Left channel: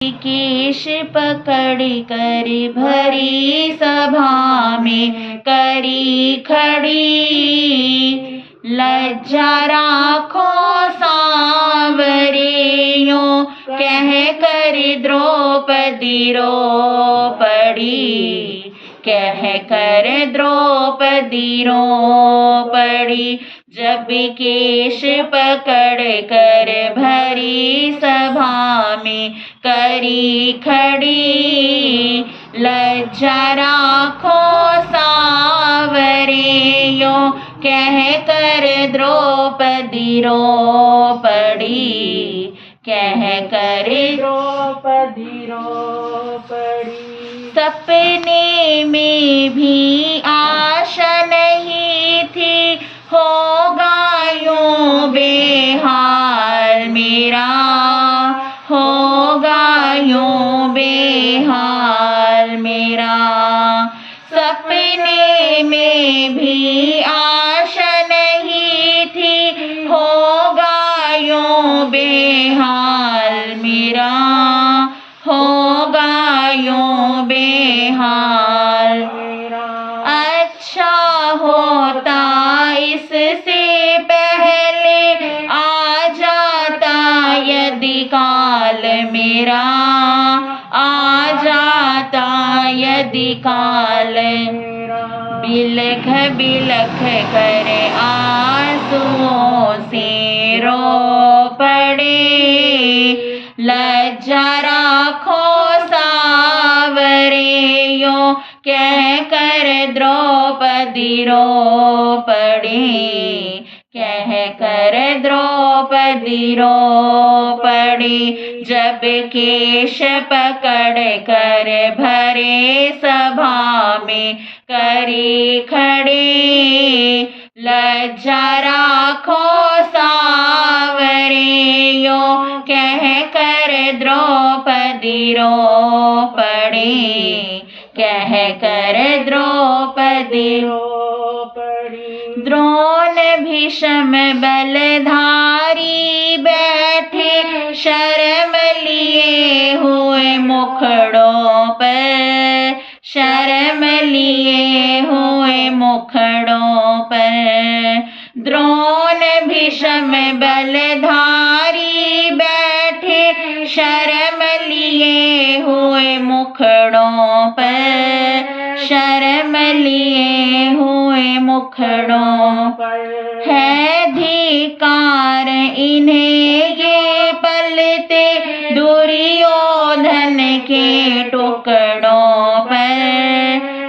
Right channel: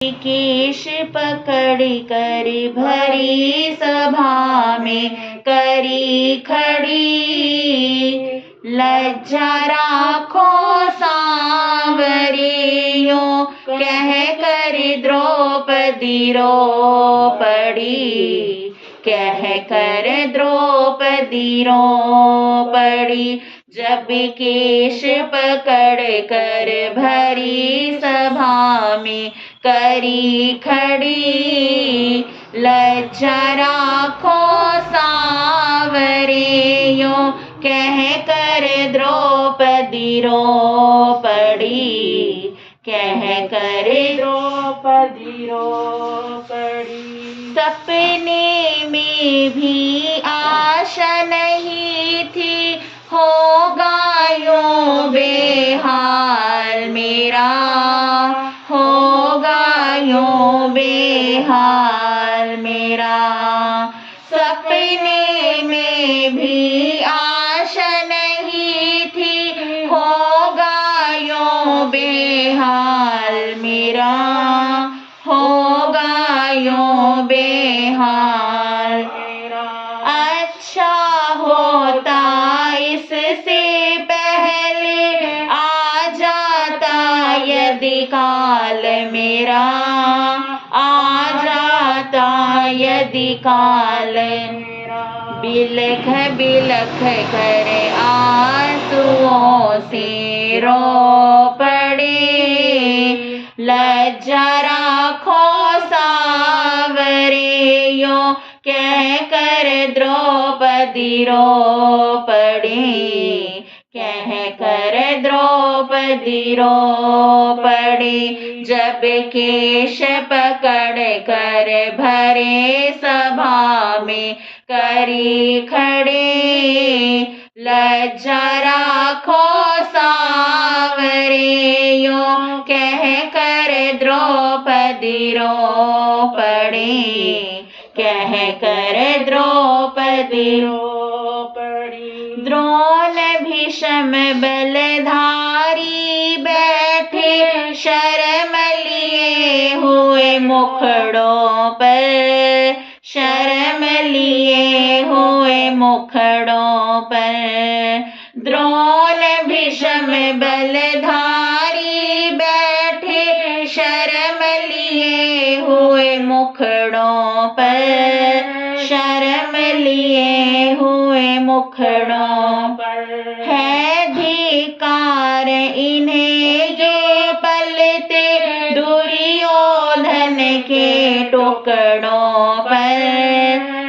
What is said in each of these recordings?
केश पकड़ कर भरी सभा में करी खड़ी, लज्जा राखो सांवरियों कह कर द्रौपदी रो पड़ी, कह कर द्रौपदी रो पड़ी। जब केश पकड़ कर भरी सभा में करी खड़ी, लज्जा राखो सांवरियों कह कर द्रौपदी रो पड़ी, कह कर द्रौपदी रो पड़ी। सपने में भी आशा नहीं थी होगा यूं बेहाल मेरा, होगा यूं बेहाल मेरा। सपने में भी आशा नहीं थी होगा यूं बेहाल मेरा, होगा यूं बेहाल मेरा। अच्छा होता इससे पहले आ जाता यदि काल मेरा, आ जाता यदि काल मेरा। बिलख बिलख कर आंसुओं से रो पड़े, लज्जा राखो सांवरियों कह कर द्रौपदी रो पड़ी, कह कर द्रौपदी रो पड़ी। जब केश पकड़ कर भरे सभा में करी खड़े, लज्जा राखो सांवरियों कह कर द्रौपदी रो पड़ी, कह कर द्रौपदी रो पड़ी। द्रोण भीष्म बलधारी बैठे शर्म लिए हुए मुखड़ों पर, शर्म लिए हुए मुखड़ों पर। द्रोण भीष्म बलधारी बैठे शर्म लिए हुए मुखड़ों पर, शर्म लिए हुए मुखड़ों पर। है धिक्कार इन्हें ये पलते दुर्योधन के टुकड़ों पर,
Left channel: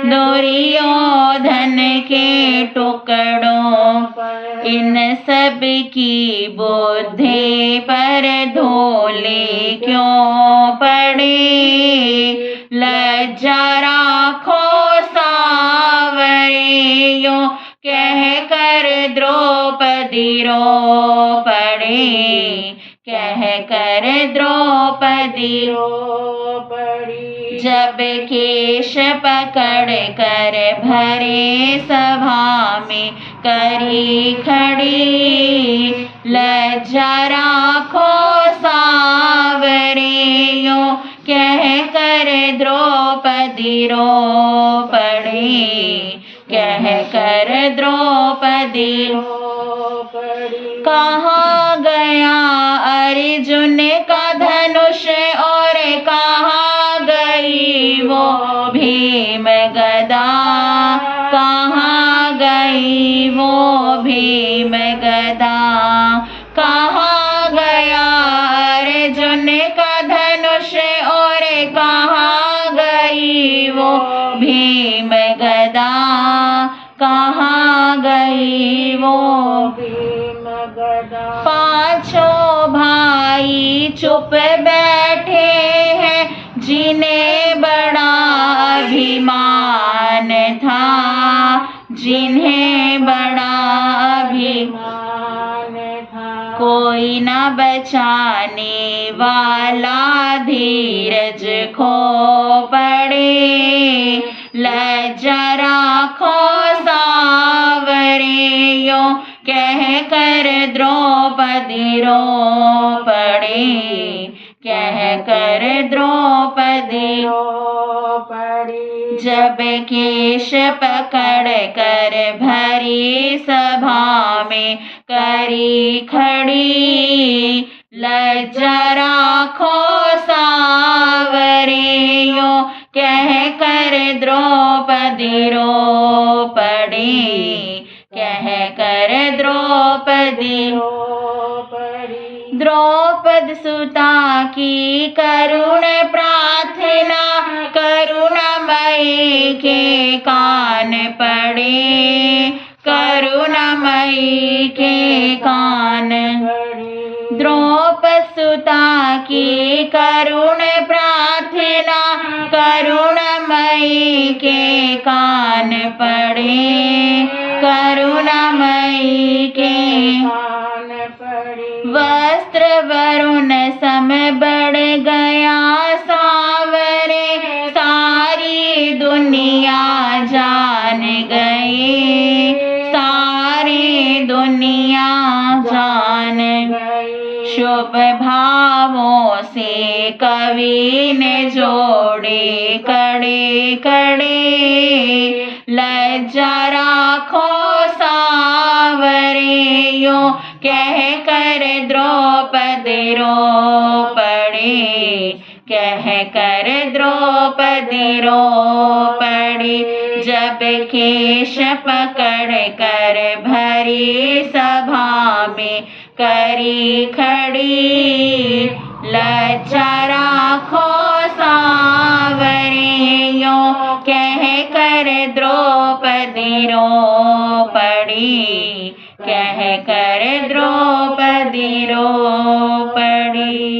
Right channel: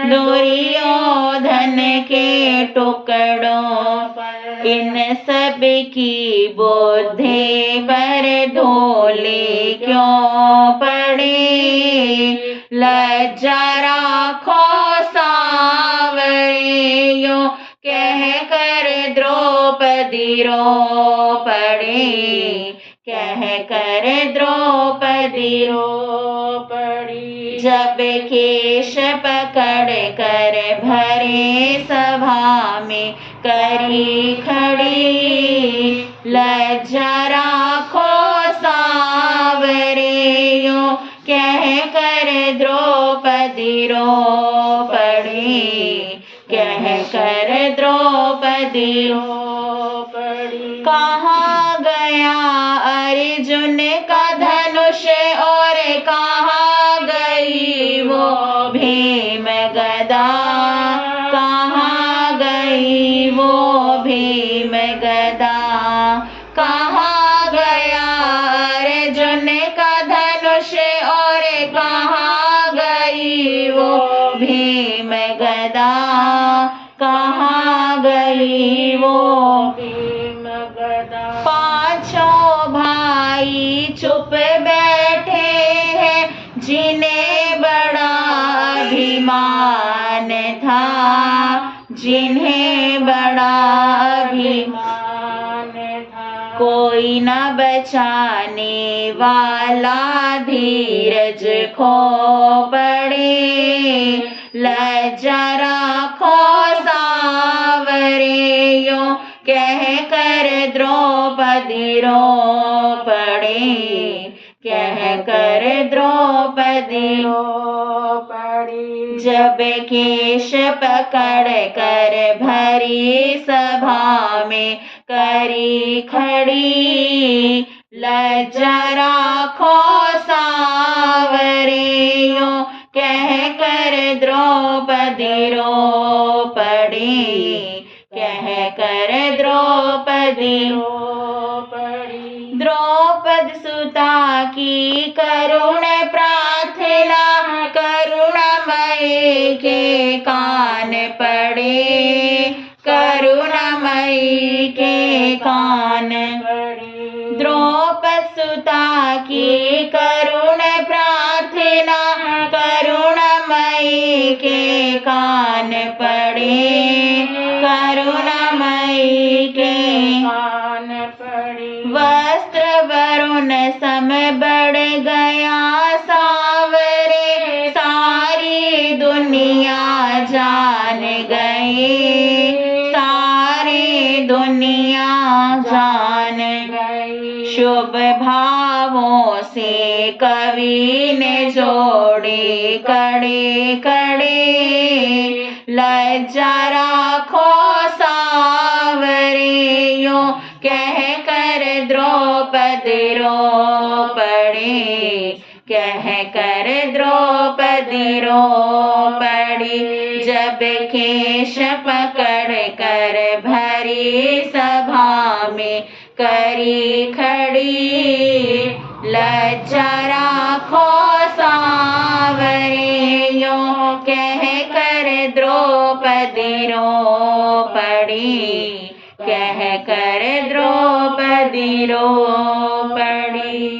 दुर्योधन के टुकड़ों पर। इन सब की बुद्धि पर धूलि क्यों पड़े, लज्जा राखो सांवरियों कह कर द्रौपदी रो पड़ी, कह कर द्रौपदी रो पड़ी। जब केश पकड़ कर भरे सभा में करी खड़ी, लज्जा राखो सांवरियों कह कर द्रौपदी रो पड़ी, कह कर द्रौपदी रो पड़ी। कहाँ गया अर्जुन का धनुष और कहाँ गई वो भीम गदा, कहाँ गई वो भीम गदा। कहाँ गया अर्जुन का धनुष और कहाँ गई वो भीम गदा, कहाँ गई वो भीम गदा। पांचों भाई चुप बैठे हैं जिन्हें बड़ा अभिमान था, जिन्हें बड़ा अभिमान था। कोई न बचाने वाला धीरज खो पड़े, लज्जा राखो सांवरियों कह कर द्रौपदी रो पड़ी, कह कर कर द्रौपदी जब केश पकड़ कर भरी सभा में करी खड़ी लज्जा राखो सावरे यो कह कर द्रौपदी रो पड़ी कह कर द्रौपदी द्रौपद सुता की करुण प्रार्थना करुणामयी के कान पड़े करुणामयी के कान द्रौपद सुता की करुण प्रार्थना करुणामयी के कान पड़े करुणामयी के वस्त्र वरुण सम बढ़ गया सावरे सारी दुनिया जान गई सारी दुनिया जान शुभ भावों से कवि ने जोड़े कड़े कड़े लज्जा राखो सावरे यो कह कर द्रौपदी रो पड़ी कह कर द्रौपदी रो पड़ी जब केश पकड़ कर भरी सभा में करी खड़ी लज्जा राखो सावरे यो कह कर द्रौपदी रो पड़ी कह कर द्रौपदी रो